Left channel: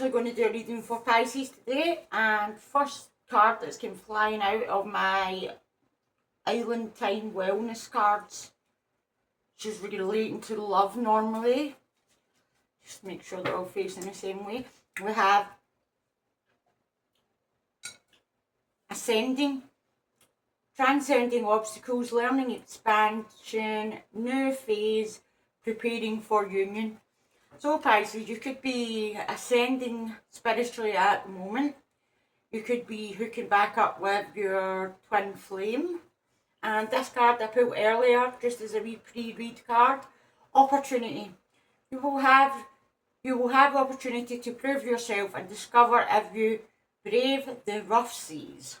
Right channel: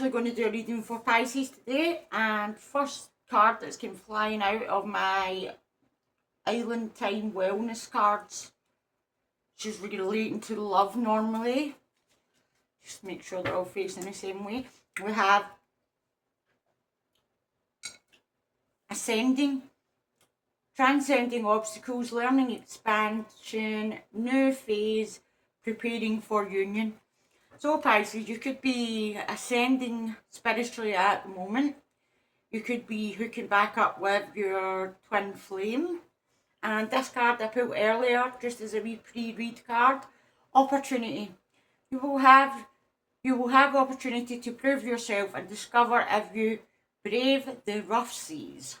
actually going to do a reading for Pisces today, and first card that's come flying out of my Island Time Wellness cards, which is relating to love normally. Just make sure they're all facing the same way. We have Ascending, transcending obstacles, learning expansion, new phase, preparing for union. So Pisces, you could be ascending spiritually at the moment. You could be hooking back up with your twin flame. And this card I pulled earlier, just as a wee pre-read card, opportunity. You will have opportunity to prove yourself and discover if you brave the rough seas.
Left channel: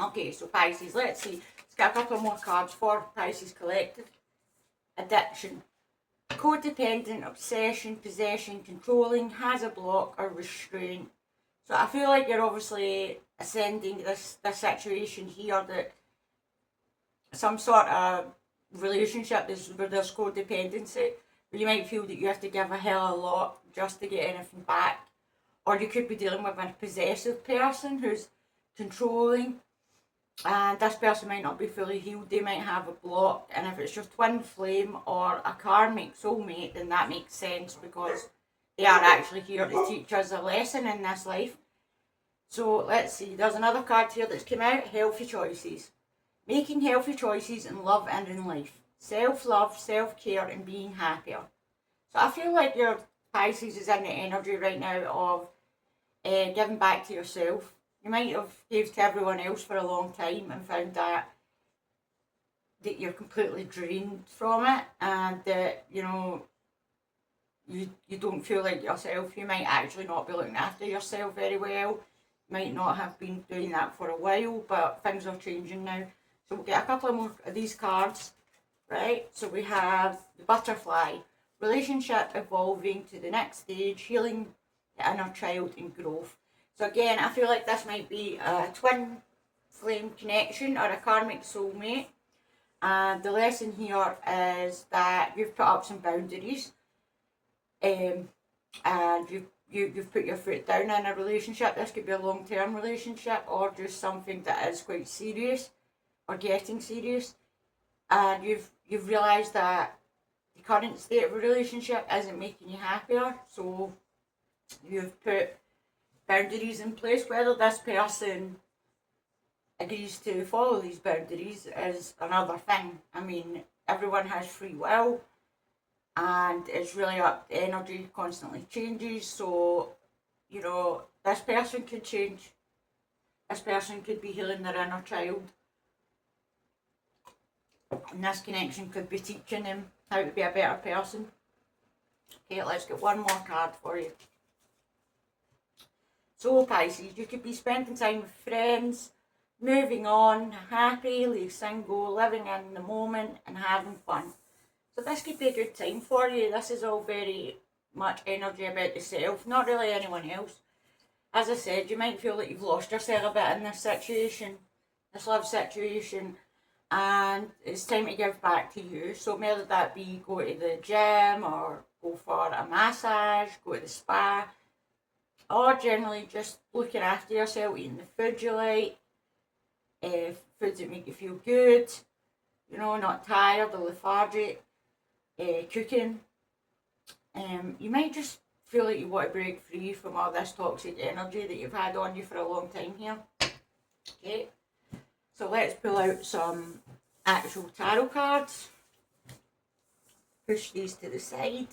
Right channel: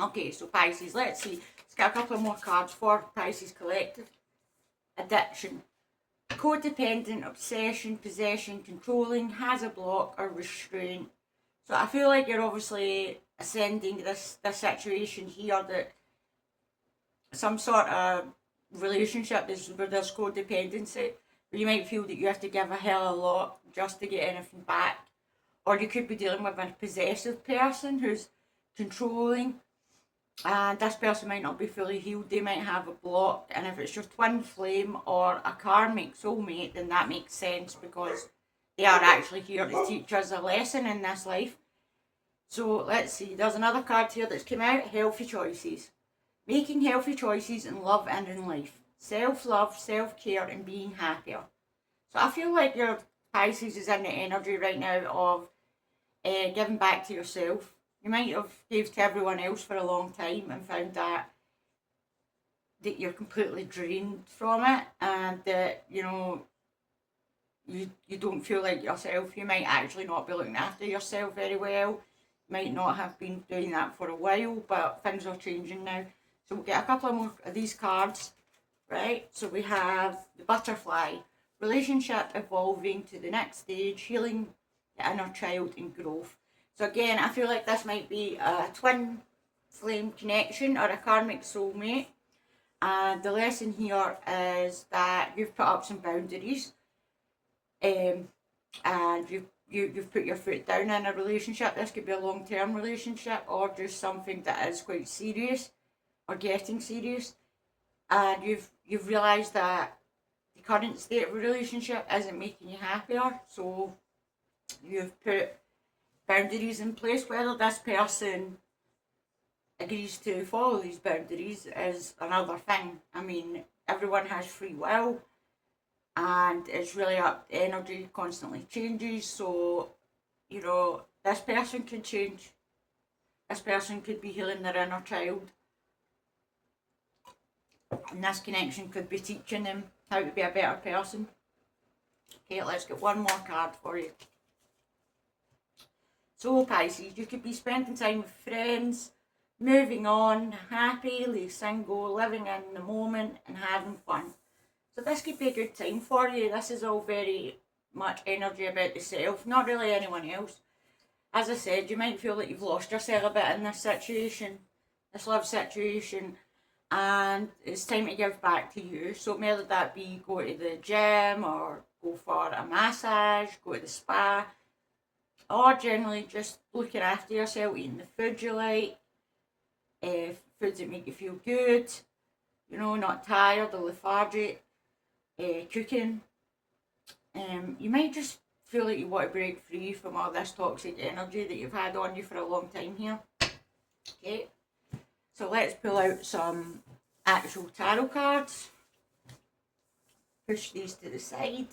Okay, so Pisces, let's see. Let's get a couple more cards for Pisces Collective. Addiction. Codependent, obsession, possession, controlling, has a block or restraint. So I feel like you're obviously ascending this situation here, that some sort of relationship where there's codependency, where you might feel that you have to give a hell of a lot just to get anything back. Or you could be dealing with a possessive person who's controlling, and this person might not be fully healed. They might have a block, and if it's your twin flame or a karmic soulmate, then that makes sense, because they are actually here to teach us a lesson in this life. So let's see, there's another card here that's come out, healthy choices. Making healthy choices in love and in life. Self-love, self-care, and being happier. So I feel like your Pisces is in the energy right now of giving back to yourself. You might have gave to everyone else for a long time and found that you're completely drained from it, and that you don't feel like yourself. You might actually not be looking after yourself very well. You might not have been doing that for a while, but things are changing now. So we'll get a couple more of these cards, right? So we have the Butterfly, relationship evolving to the next stage, healing the inner child and growth. So again, I feel like this might be a twin flame connection or a karmic soulmate. And the lesson here is that you've put up some boundaries, and you've put your foot down in a relationship. This could be a long-term relationship or just something that is quite serious or getting serious. And you've realised that the current state of a relationship isn't making you happier. So you've put boundaries in place. Whether this person agrees to follow these boundaries is another thing. I mean, everyone has free will, and it's really up. The energy constantly changes, so this person could change. This person could be healing their inner child, and this connection could be teaching them how to be a better person. Okay, let's get one more card for you. So Pisces, you could be spending time with friends, moving on, happily single, living in the moment and having fun. So this could be a good time for you. This is all very much energy about the self, not really anyone else. As I said, you might feel that you've lost yourself a bit in this situation, this love situation, and it's time to give back to you. So whether that be go to the gym or go for a massage, go to the spa, or generally just looking after yourself, eating the food you like, foods that make you feel good, not tired or lethargic, cooking. You might just feel like you want to break free from all this toxic energy that you've had on you for a long time here. Okay, so let's pull out some actual tarot cards. Push these to the side.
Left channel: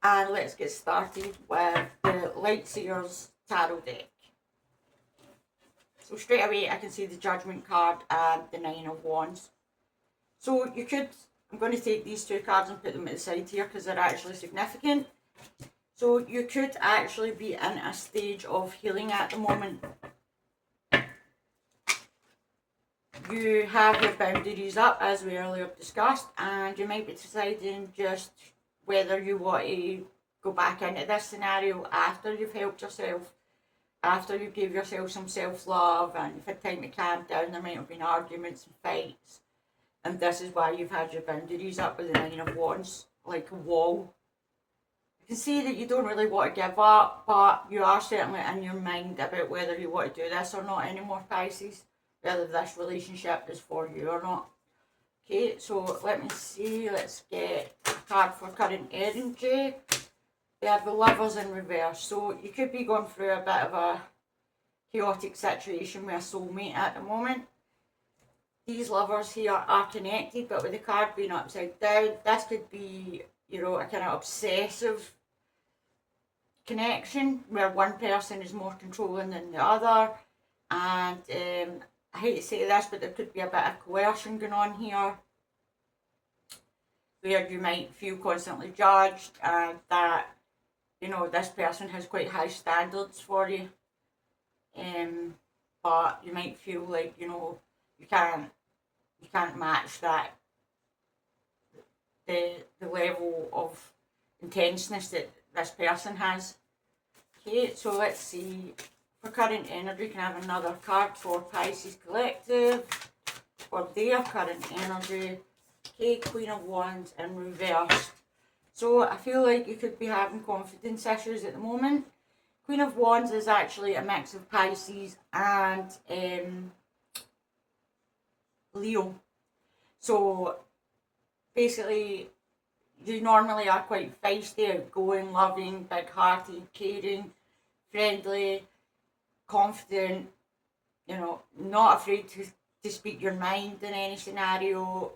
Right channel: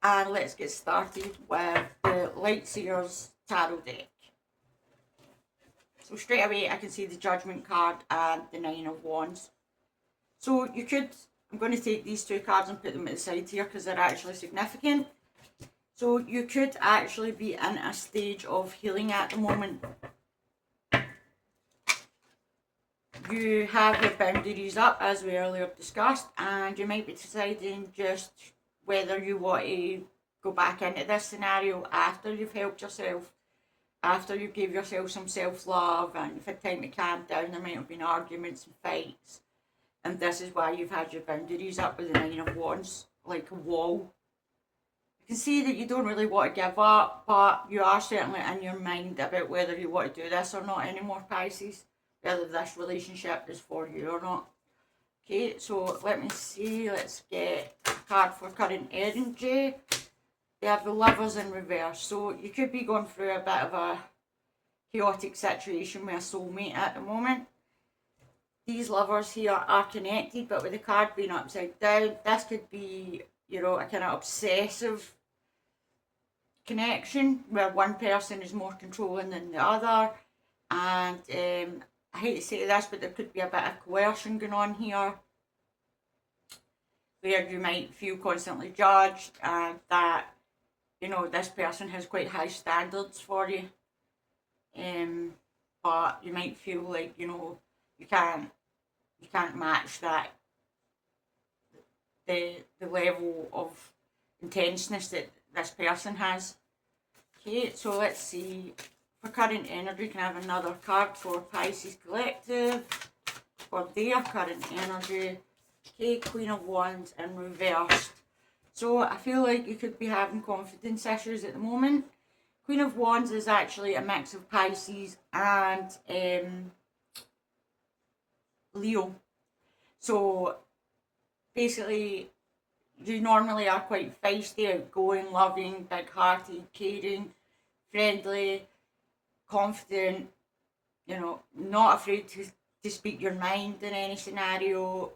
And let's get started with the Lightseer's Tarot deck. So straight away I can see the Judgment card and the Nine of Wands. So you could, I'm going to take these two cards and put them at the side here because they're actually significant. So you could actually be in a stage of healing at the moment. You have your boundaries up, as we earlier discussed, and you might be deciding just whether you want to go back into this scenario after you've helped yourself, after you gave yourself some self-love and you've had time to calm down. There might have been arguments and fights, and this is why you've had your boundaries up with the Nine of Wands, like a wall can see that you don't really want to give up, but you are certainly in your mind about whether you want to do this or not anymore, Pisces. Whether this relationship is for you or not. Okay, so let me see. Let's get a card for current energy. We have the Lovers in reverse. So you could be going through a bit of a chaotic situation with a soulmate at the moment. These lovers here are connected, but with the card being upside down, this could be, you know, a kind of obsessive connection where one person is more controlling than the other. And I hate to say this, but there could be a bit of coercion going on here, where you might feel constantly judged and that, you know, this person has quite high standards for you. But you might feel like, you know, you can't match that, the level of intenseness that this person has. Okay, so let's see. For current energy, can I have another card for Pisces Collective for their current energy? Okay, Queen of Wands in reverse. So I feel like you could be having confidence issues at the moment. Queen of Wands is actually a mix of Pisces and Leo. So basically, you normally are quite feisty, outgoing, loving, big-hearted, caring, friendly, confident, you know, not afraid to speak your mind in any scenario.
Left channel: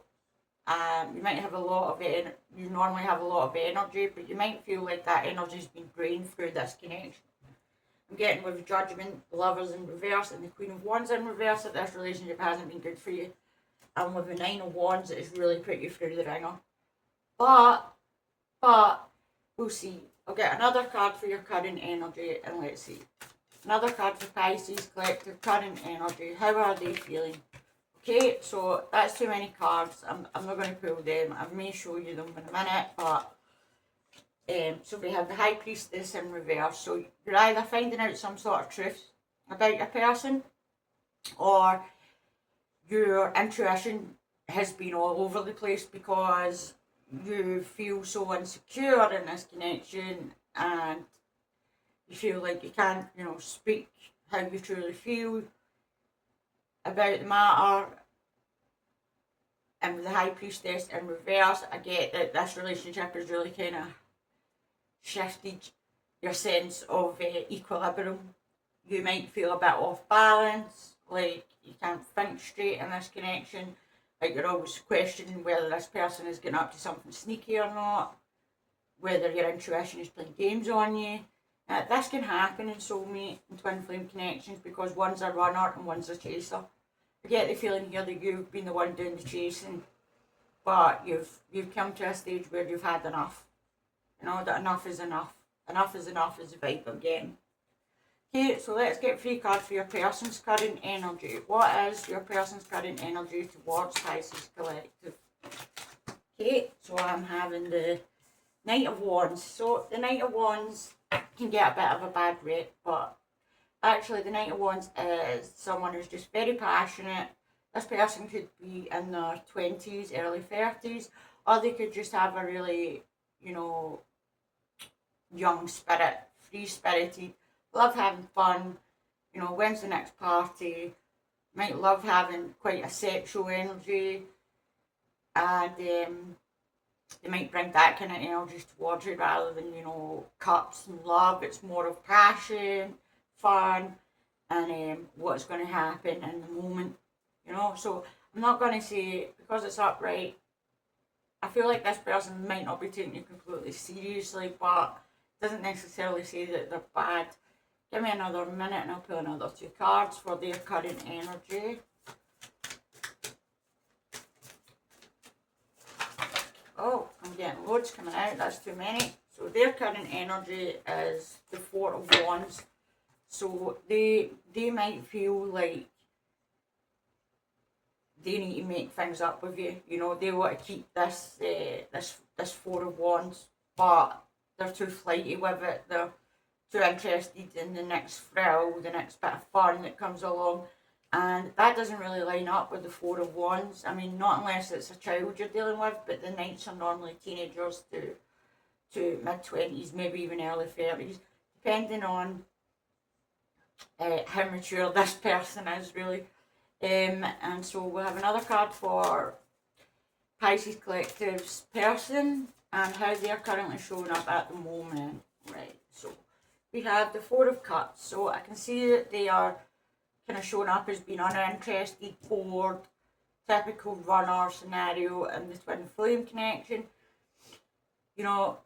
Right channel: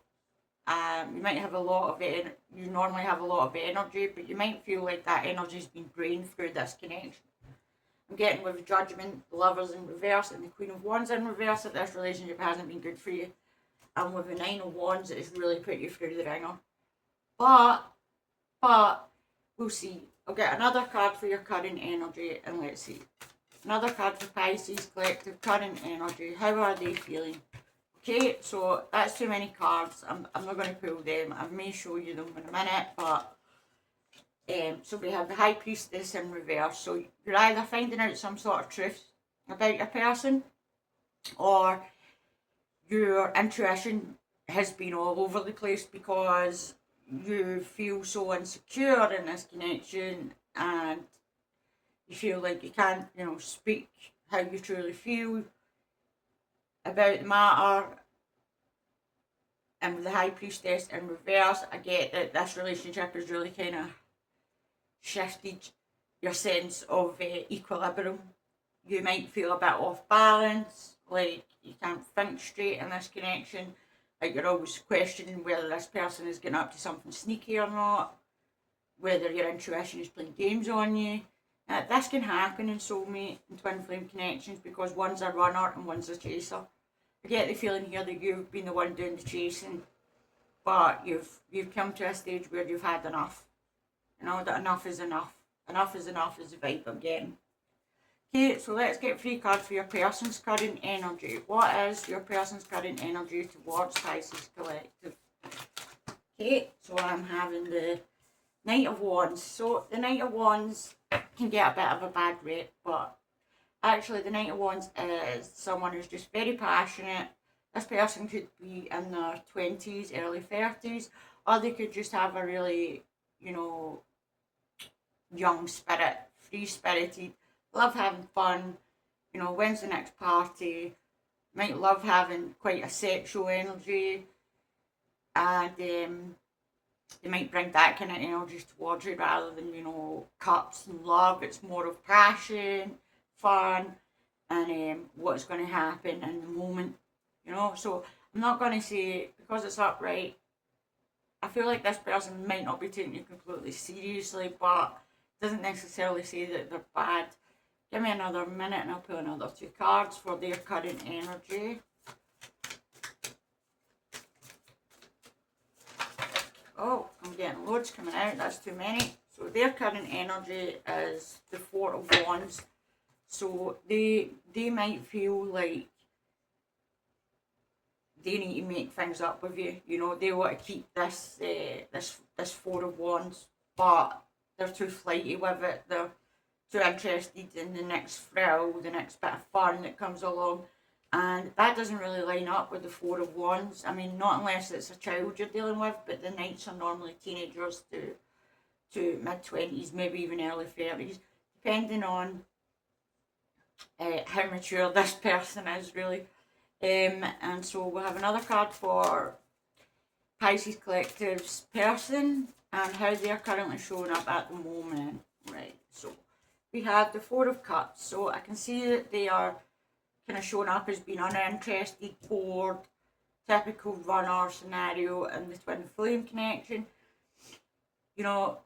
You might have a lot of it. You normally have a lot of energy, but you might feel like that energy's been drained through this connection. I'm getting with Judgment, the Lovers in reverse, and the Queen of Wands in reverse that this relationship hasn't been good for you. And with the Nine of Wands, it's really put you through the ringer. But we'll see. I'll get another card for your current energy, and let's see. Another card for Pisces Collective, current energy. How are they feeling? Okay, so that's too many cards. I'm not going to pull them. I may show you them in a minute, but so we have the High Priestess in reverse. So you're either finding out some sort of truth about your person, or your intuition has been all over the place because you feel so insecure in this connection, and you feel like you can't, you know, speak how you truly feel about the matter. And with the High Priestess in reverse, I get that this relationship has really kind of shifted your sense of equilibrium. You might feel a bit off balance, like you can't think straight in this connection, like you're always questioning whether this person is getting up to something sneaky or not, whether your intuition is playing games on you. This can happen in soulmate and twin flame connections because one's a runner and one's a chaser. I get the feeling here that you've been the one doing the chasing, but you've come to a stage where you've had enough. You know, that enough is enough. Enough is enough is the vibe I'm getting. Okay, so let's get 3 cards for your person's current energy. What is your person's current energy towards Pisces Collective? Okay, so I'm having the Knight of Wands. So the Knight of Wands can get a bit of a bad rep, but actually the Knight of Wands is someone who's just very passionate. This person could be in their 20s, early 30s, or they could just have a really, you know, young spirit, free-spirited, love having fun, you know, when's the next party, might love having quite a sexual energy, and they might bring that kind of energy towards you rather than, you know, cups and love. It's more of passion, fun, and what's going to happen in the moment, you know. So I'm not going to say, because it's upright, I feel like this person might not be taking you completely seriously, but it doesn't necessarily say that they're bad. Give me another minute and I'll pull another 2 cards for their current energy. Oh, I'm getting loads coming out. That's too many. So their current energy is the 4 of Wands. So they might feel like they need to make things up with you. You know, they want to keep this 4 of Wands, but they're too flighty with it. They're too interested in the next thrill, the next bit of fun that comes along. And that doesn't really line up with the 4 of Wands. I mean, not unless it's a child you're dealing with, but the Knights are normally teenagers to to mid-20s, maybe even early 30s, depending on how mature this person is, really. And so we have another card for Pisces Collective's person and how they're currently showing up at the moment. Right, so we have the Four of Cups. So I can see that they are kind of showing up as being uninterested, bored, typical runner scenario in the twin flame connection. You know,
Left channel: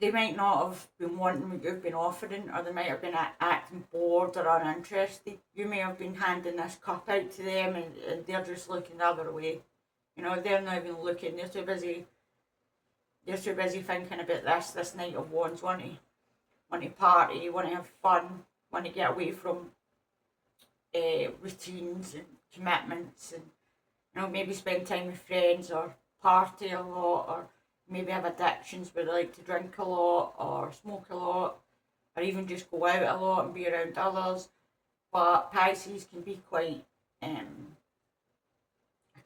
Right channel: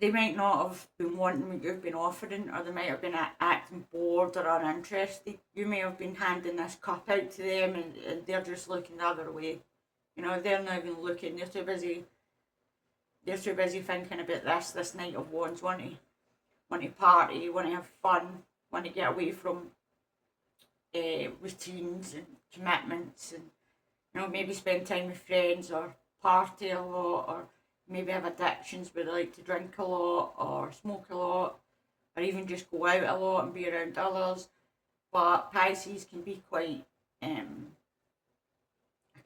they might not have been wanting what you've been offering, or they might have been acting bored or uninterested. You may have been handing this cup out to them and they're just looking the other way. You know, they're not even looking, they're too busy thinking about this Knight of Wands, want to party, want to have fun, want to get away from routines and commitments, and you know, maybe spend time with friends or party a lot, or maybe have addictions where they like to drink a lot or smoke a lot, or even just go out a lot and be around others. But Pisces can be quite a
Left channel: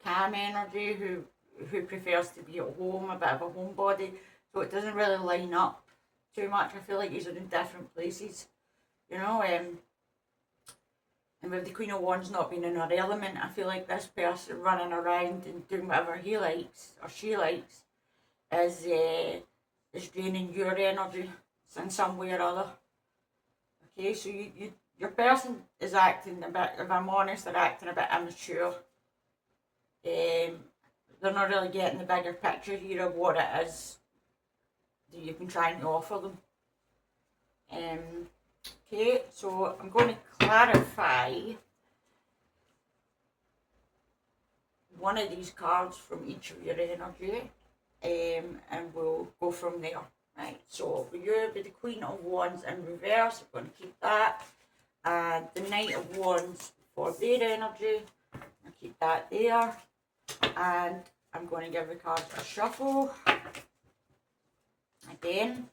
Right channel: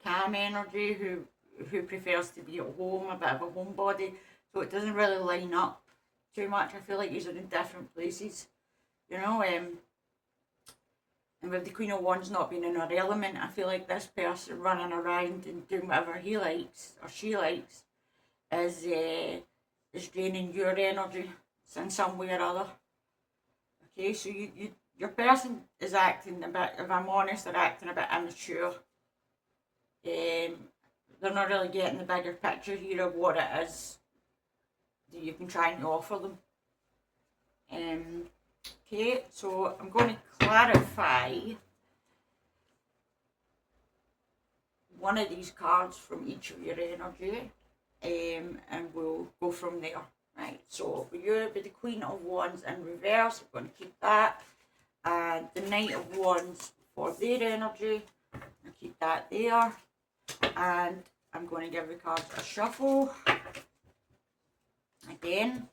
calm energy who prefers to be at home, a bit of a homebody, so it doesn't really line up too much. I feel like these are in different places, you know. And with the Queen of Wands not being in her element, I feel like this person running around and doing whatever he likes or she likes is draining your energy in some way or other. Okay, so your person is acting a bit, if I'm honest, they're acting a bit immature. They're not really getting the bigger picture here of what it is that you've been trying to offer them. Okay, so I'm going to clarify one of these cards from each of your energy, and we'll go from there. Right, so for you, with the Queen of Wands in reverse, we're going to keep that, and the Knight of Wands for their energy, I'll keep that there, and I'm going to give the cards a shuffle. Again,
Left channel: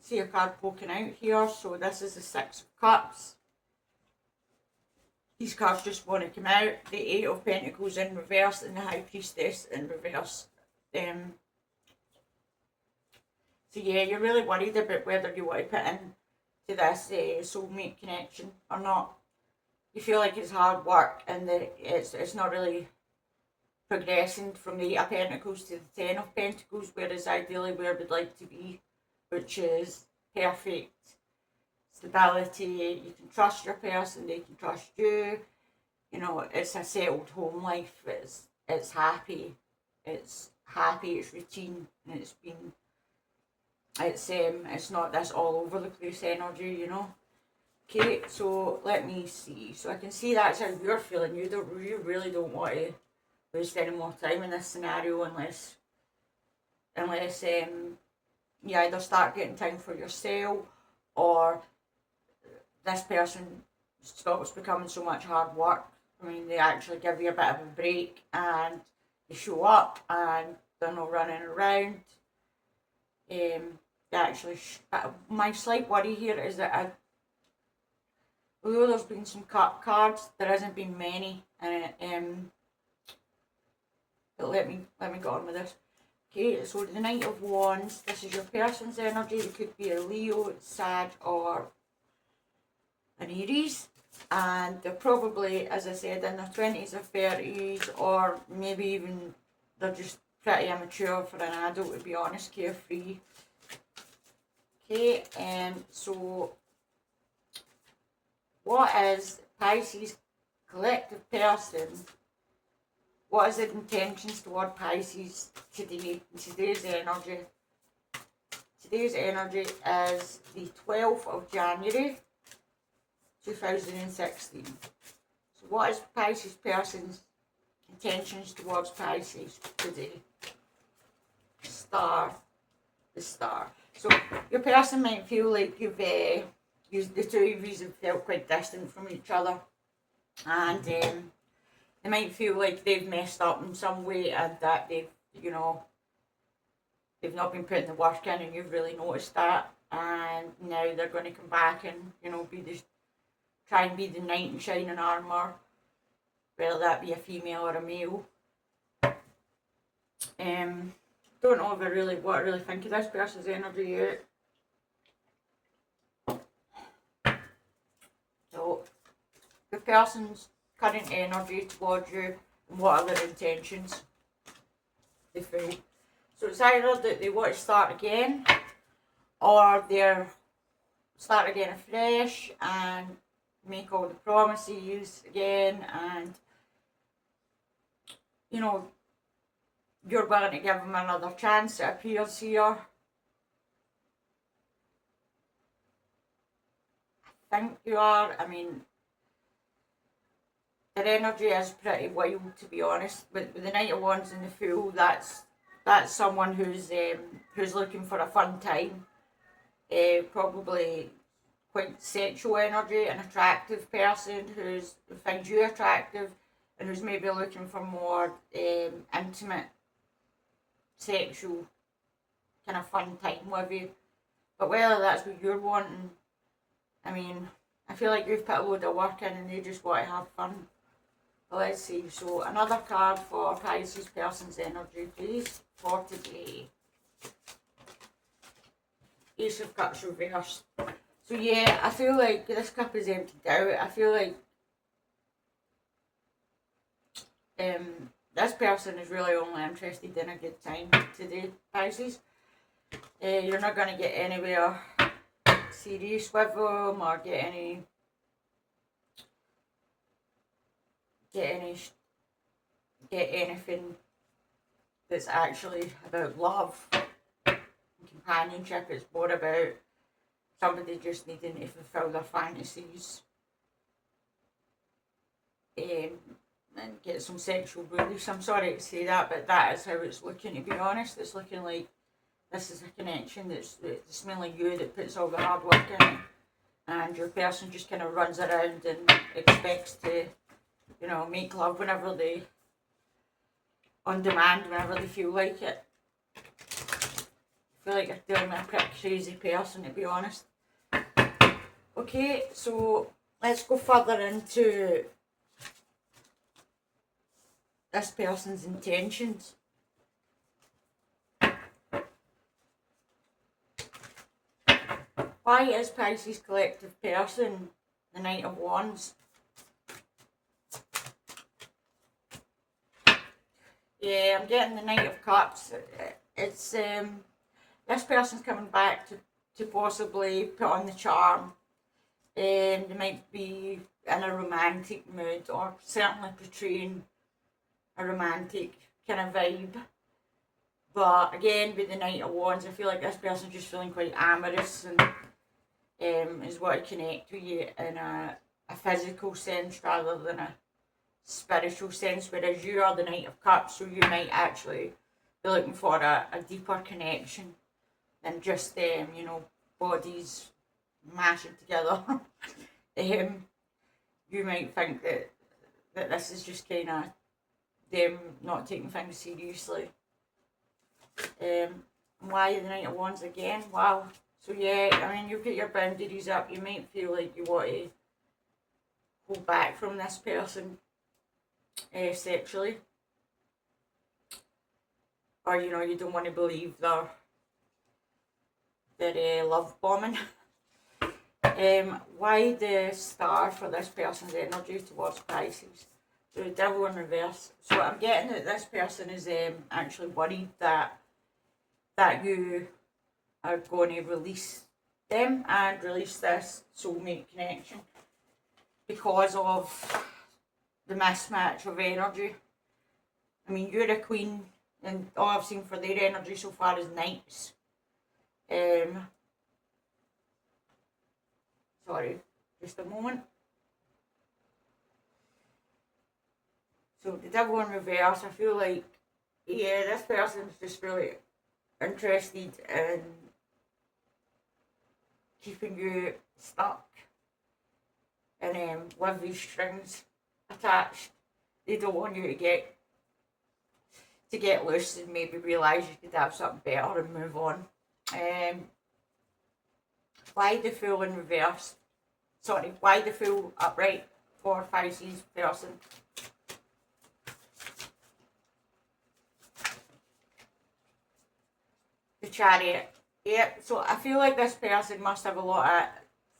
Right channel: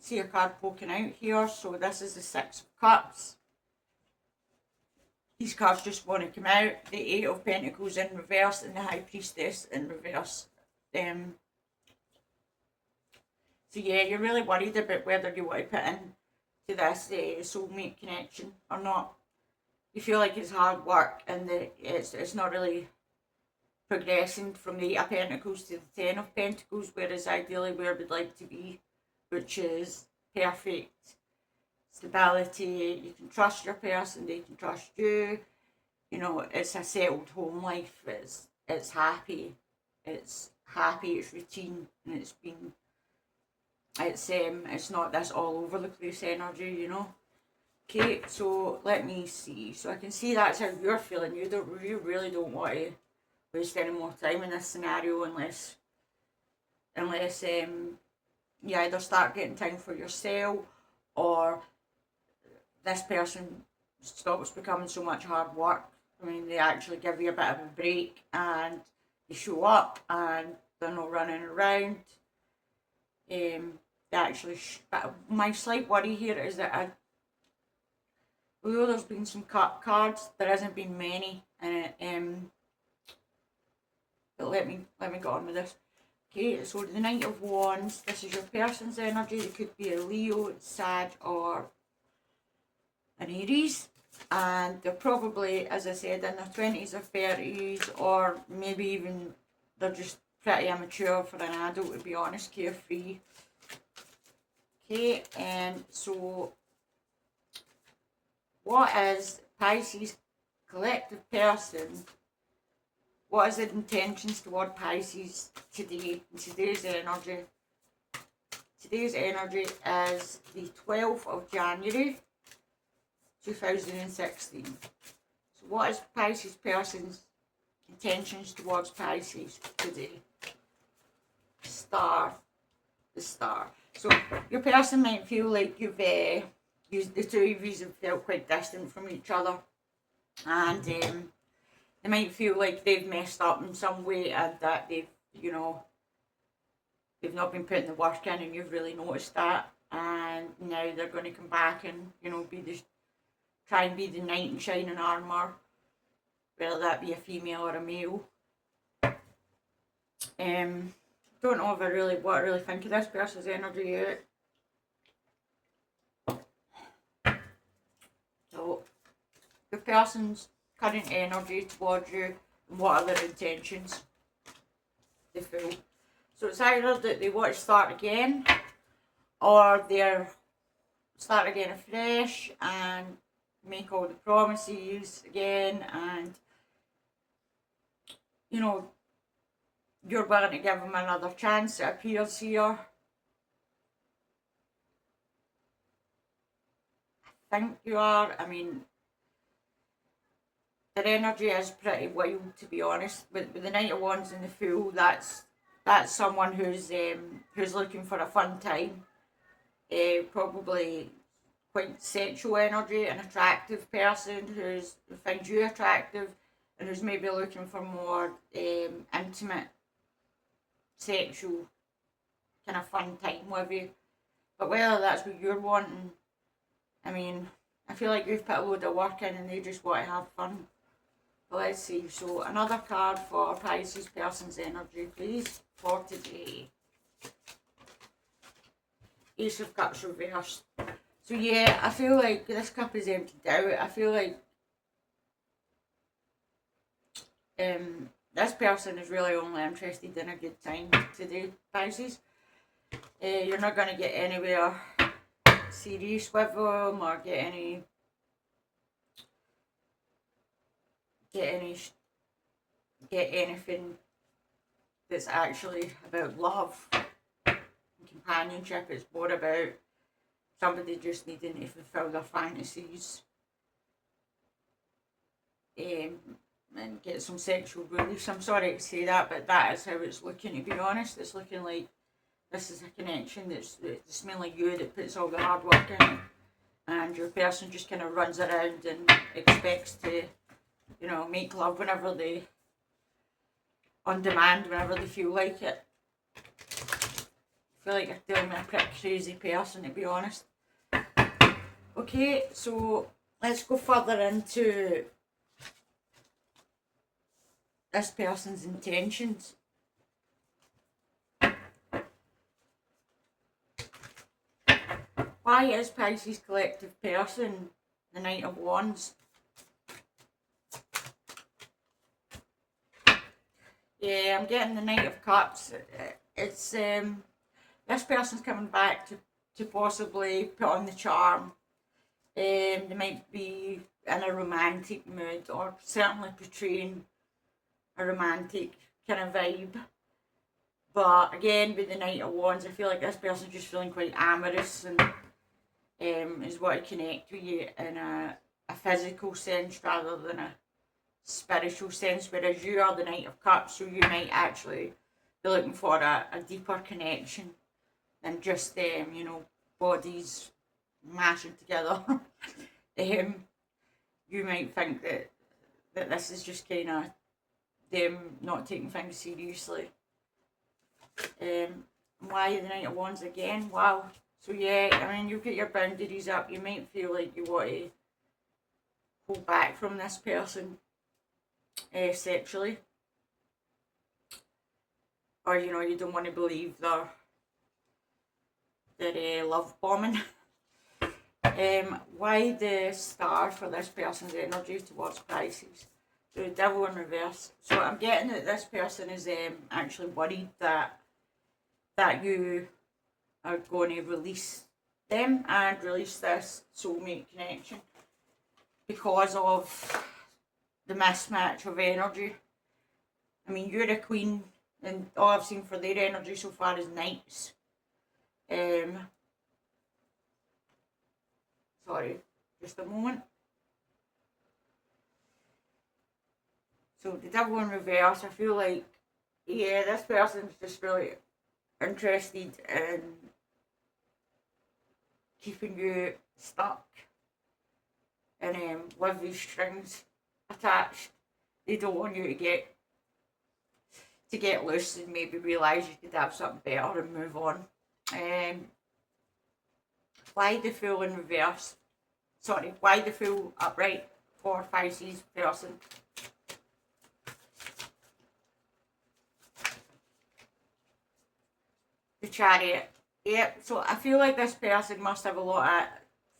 see a card poking out here, so this is the Six of Cups. These cards just want to come out. The Eight of Pentacles in reverse and the High Priestess in reverse. So yeah, you're really worried about whether you want to put in to this soulmate connection or not. You feel like it's hard work and that it's not really progressing from the Eight of Pentacles to the Ten of Pentacles, whereas ideally where we'd like to be, which is perfect stability. You can trust your person, they can trust you. You know, it's a settled home life. It's happy. It's routine, and it's not this all over the place energy, you know. Okay, so let me see. So I can see that's how you're feeling. You really don't want to waste any more time in this scenario unless you either start getting time for yourself, or this person stops becoming so much hard work. I mean, they actually give you a bit of a break and they show up and they're not running around. My slight worry here is that although there's been some cut cards, there hasn't been many. But let me go on with this. Okay, so the Knight of Wands, this is your person's energy. It could be a Leo, Sag, or an Aries. And they're probably, as I said, in their 20s or 30s, or maybe even they're just pretty immature for an adult, to be honest, carefree. Okay, so what is Pisces collective person? What is the intentions toward Pisces today, in today's energy? Today's energy is the 12th of January, 2016. So what is Pisces person's intentions towards Pisces today? The star. So your person might feel like the two of you have felt quite distant from each other, and they might feel like they've messed up in some way, and that they've not been putting the work in, and you've really noticed that, and now they're going to come back and try and be the knight in shining armour, whether that be a female or a male. don't know if what I really think of this person's energy yet. So, the person's current energy towards you and what are their intentions, they feel. So it's either that they want to start again, or they're start again afresh and make all the promises again, and you know, you're willing to give them another chance, it appears here. I think you are. I mean, their energy is pretty wild, to be honest. With the Knight of Wands and the Fool, that's someone who's looking for a fun time. Probably quite sexual energy, an attractive person who finds you attractive and who's maybe looking for more intimate, sexual, kind of fun time with you. But whether that's what you're wanting, I mean, I feel like you've put a load of work in and they just want to have fun. But let's see. So another card for Pisces person's energy, please, for today. Ace of Cups reversed. So yeah, I feel like this cup is emptied out. I feel like this person is really only interested in a good time today, Pisces. You're not going to get anywhere serious with them or get anything that's actually about love and companionship. It's more about somebody just needing to fulfill their fantasies and get some sexual release. I'm sorry to say that, but that is how it's looking, to be honest. It's looking like this is a connection it's mainly you that puts all the hard work in it, and your person just kind of runs around and expects to, you know, make love whenever they, on demand, whenever they feel like it. I feel like you're dealing with a pretty crazy person, to be honest. Okay, so let's go further into this person's intentions. Why is Pisces collective person the Knight of Wands? Yeah, I'm getting the Knight of Cups. It's this person's coming back to possibly put on the charm. They might be in a romantic mood, or certainly portraying a romantic kind of vibe. But again, with the Knight of Wands, I feel like this person's just feeling quite amorous and is what to connect with you in a physical sense rather than a spiritual sense, whereas you are the Knight of Cups, so you might actually be looking for a deeper connection than just you know, bodies mashing together. You might think that this is just kind of them not taking things seriously. Why the Knight of Wands again? Wow. So yeah, I mean, you put your boundaries up. You might feel like you want to pull back from this person sexually, or you know, you don't want to believe their love bombing. Why the Star for this person's energy towards Pisces? So the Devil in reverse. So I'm getting that this person is actually worried that you are going to release them and release this soulmate connection because of the mismatch of energy. I mean, you're a queen, and all I've seen for their energy so far is knights. Sorry, just a moment. So the Devil in reverse, I feel like, yeah, this person's just really interested in keeping you stuck and with these strings attached. They don't want you to get loose and maybe realise you could have something better and move on. Why the Fool in reverse? Sorry, why the Fool upright for Pisces person? the Chariot. Yep, so I feel like this person must have a lot of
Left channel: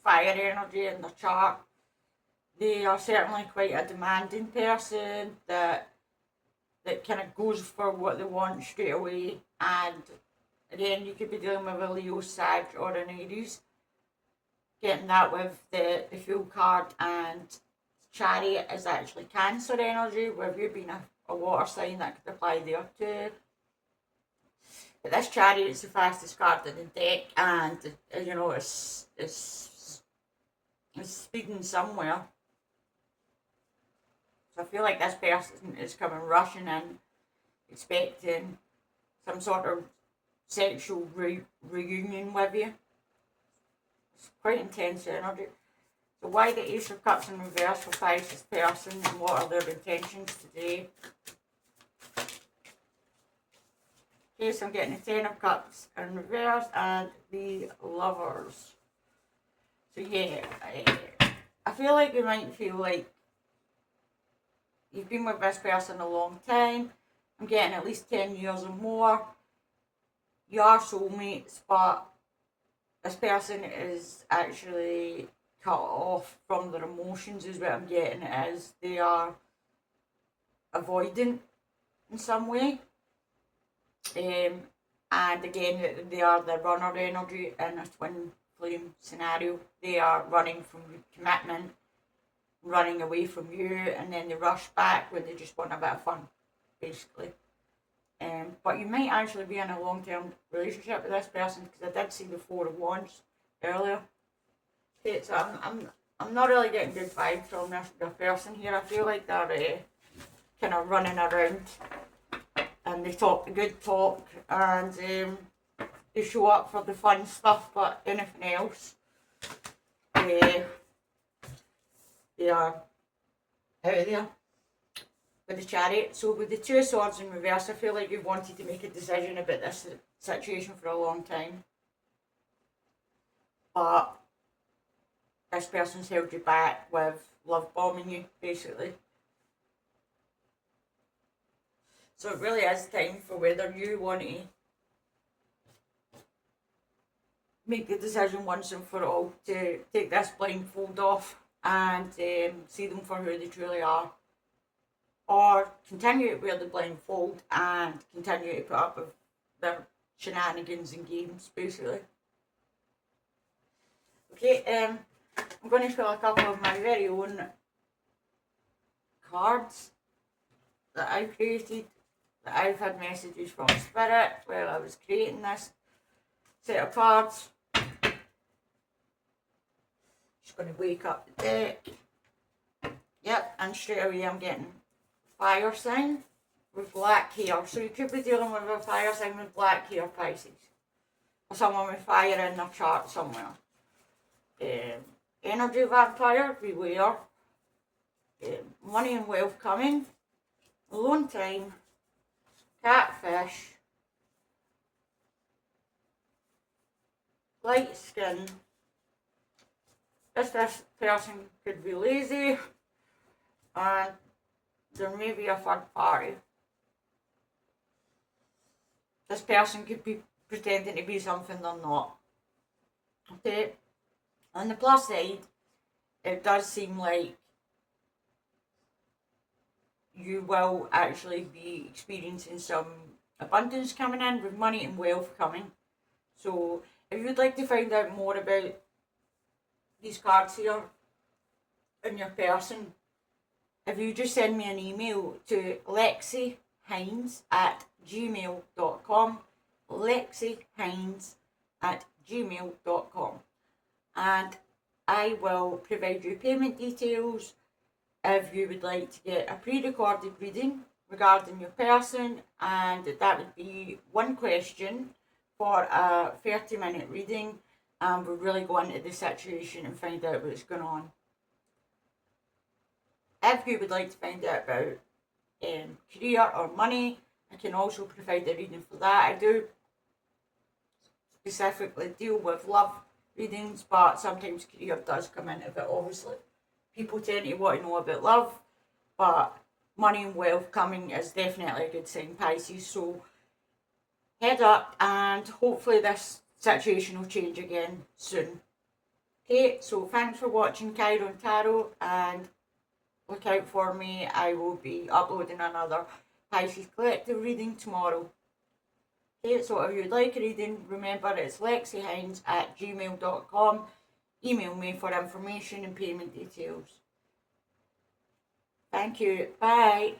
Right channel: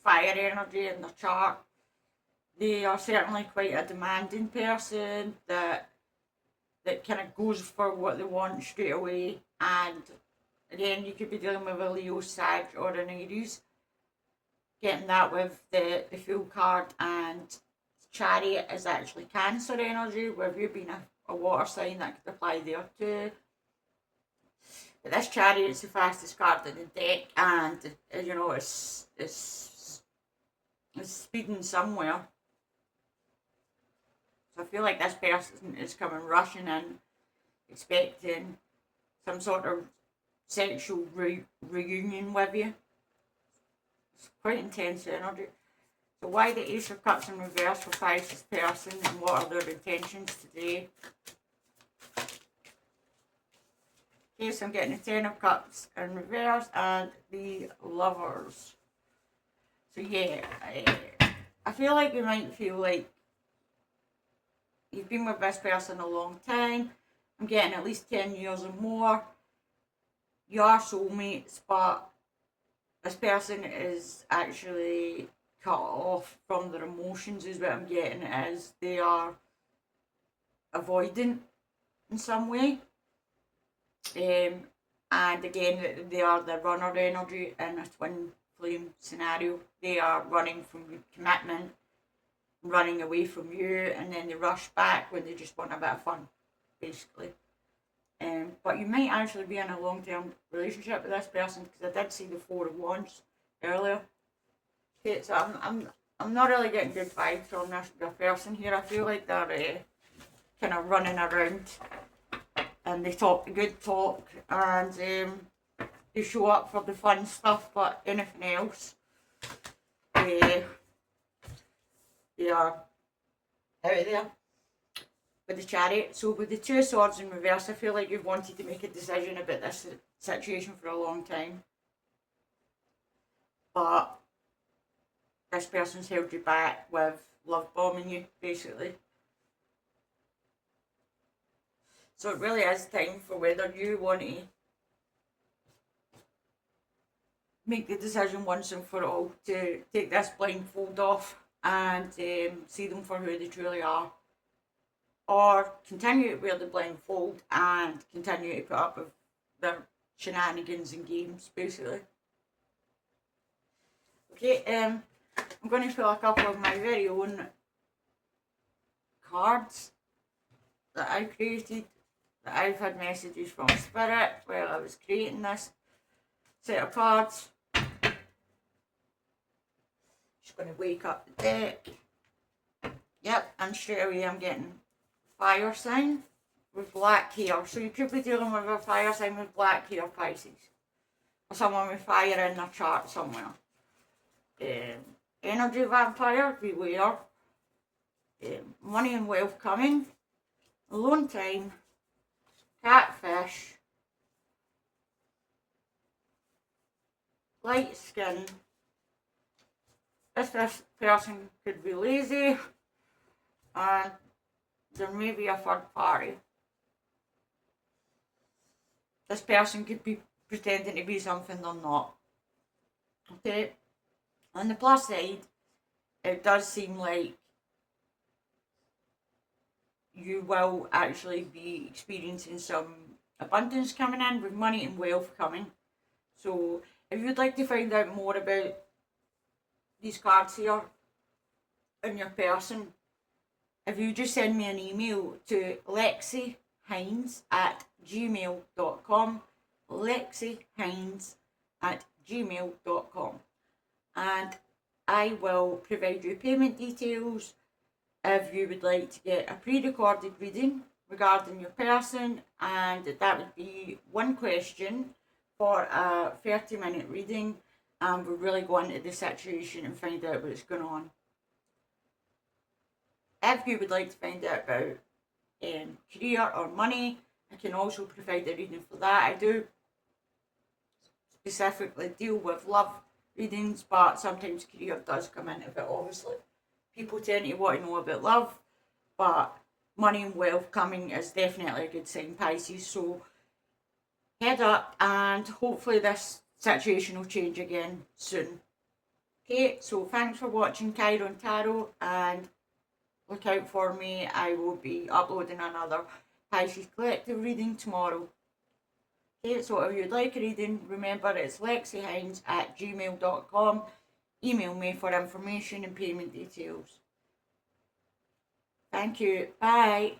fire energy in their chart. They are certainly quite a demanding person that kind of goes for what they want straight away. And again, you could be dealing with a Leo, Sag, or an Aries. Getting that with the Fool card, and Chariot is actually Cancer energy, where you being a water sign, that could apply there too. But this Chariot is the fastest card in the deck, and you know it's speeding somewhere. So I feel like this person is coming rushing in, expecting some sort of sexual reunion with you. It's quite intense energy. So why the Ace of Cups in reverse for Pisces person, and what are their intentions today? Okay, so I'm getting the Ten of Cups in reverse and the Lovers. So yeah, I feel like you might feel like you've been with this person a long time. I'm getting at least 10 years or more. You are soulmates, but this person is actually cut off from their emotions, is what I'm getting, as they are avoidant in some way. And again, they are the runner energy in a twin flame scenario. They are running from commitment, running away from you, and then they rush back when they just want a bit of fun, basically. But you might actually be in a long-term relationship with this person, because I did see the Four of Wands earlier. Okay, so I'm not really getting good vibes from this person here. I feel like they're kind of running around, and they talk the good talk, and they show up for the fun stuff, but anything else, they are out of there. With the Chariot. So with the Two of Swords in reverse, I feel like you've wanted to make a decision about this situation for a long time, but this person's held you back with love bombing you, basically. So it really is time for whether you want to make the decision once and for all to take this blindfold off and see them for who they truly are, or continue to wear the blindfold and continue to put up with their shenanigans and games, basically. Okay, I'm going to fill a couple of my very own cards that I created, that I've had messages from Spirit while I was creating this set of cards. Just going to wake up the deck. Yep, and straight away I'm getting fire sign with black hair. So you could be dealing with a fire sign with black hair, Pisces, or someone with fire in their chart somewhere. Energy vampire, beware. Money and wealth coming. Alone time. Catfish. Light skin. This person could be lazy, and there may be a third party. This person could be pretending to be something they're not. Okay? On the plus side, it does seem like you will actually be experiencing some abundance coming in, with money and wealth coming. So if you'd like to find out more about these cards here in your person, if you just send me an email to lexihines@gmail.com, lexihines@gmail.com, and I will provide you payment details if you would like to get a pre-recorded reading regarding your person, and that would be one question for a 30-minute reading, and we'll really go into the situation and find out what's going on. If you would like to find out about career or money, I can also provide a reading for that. I do specifically deal with love readings, but sometimes career does come into it, obviously. People tend to want to know about love, but money and wealth coming is definitely a good sign, Pisces. So head up, and hopefully this situation will change again soon. Okay, so thanks for watching Chiron Tarot, and look out for me. I will be uploading another Pisces collective reading tomorrow. Okay, so if you'd like a reading, remember it's lexihines@gmail.com. Email me for information and payment details. Thank you. Bye.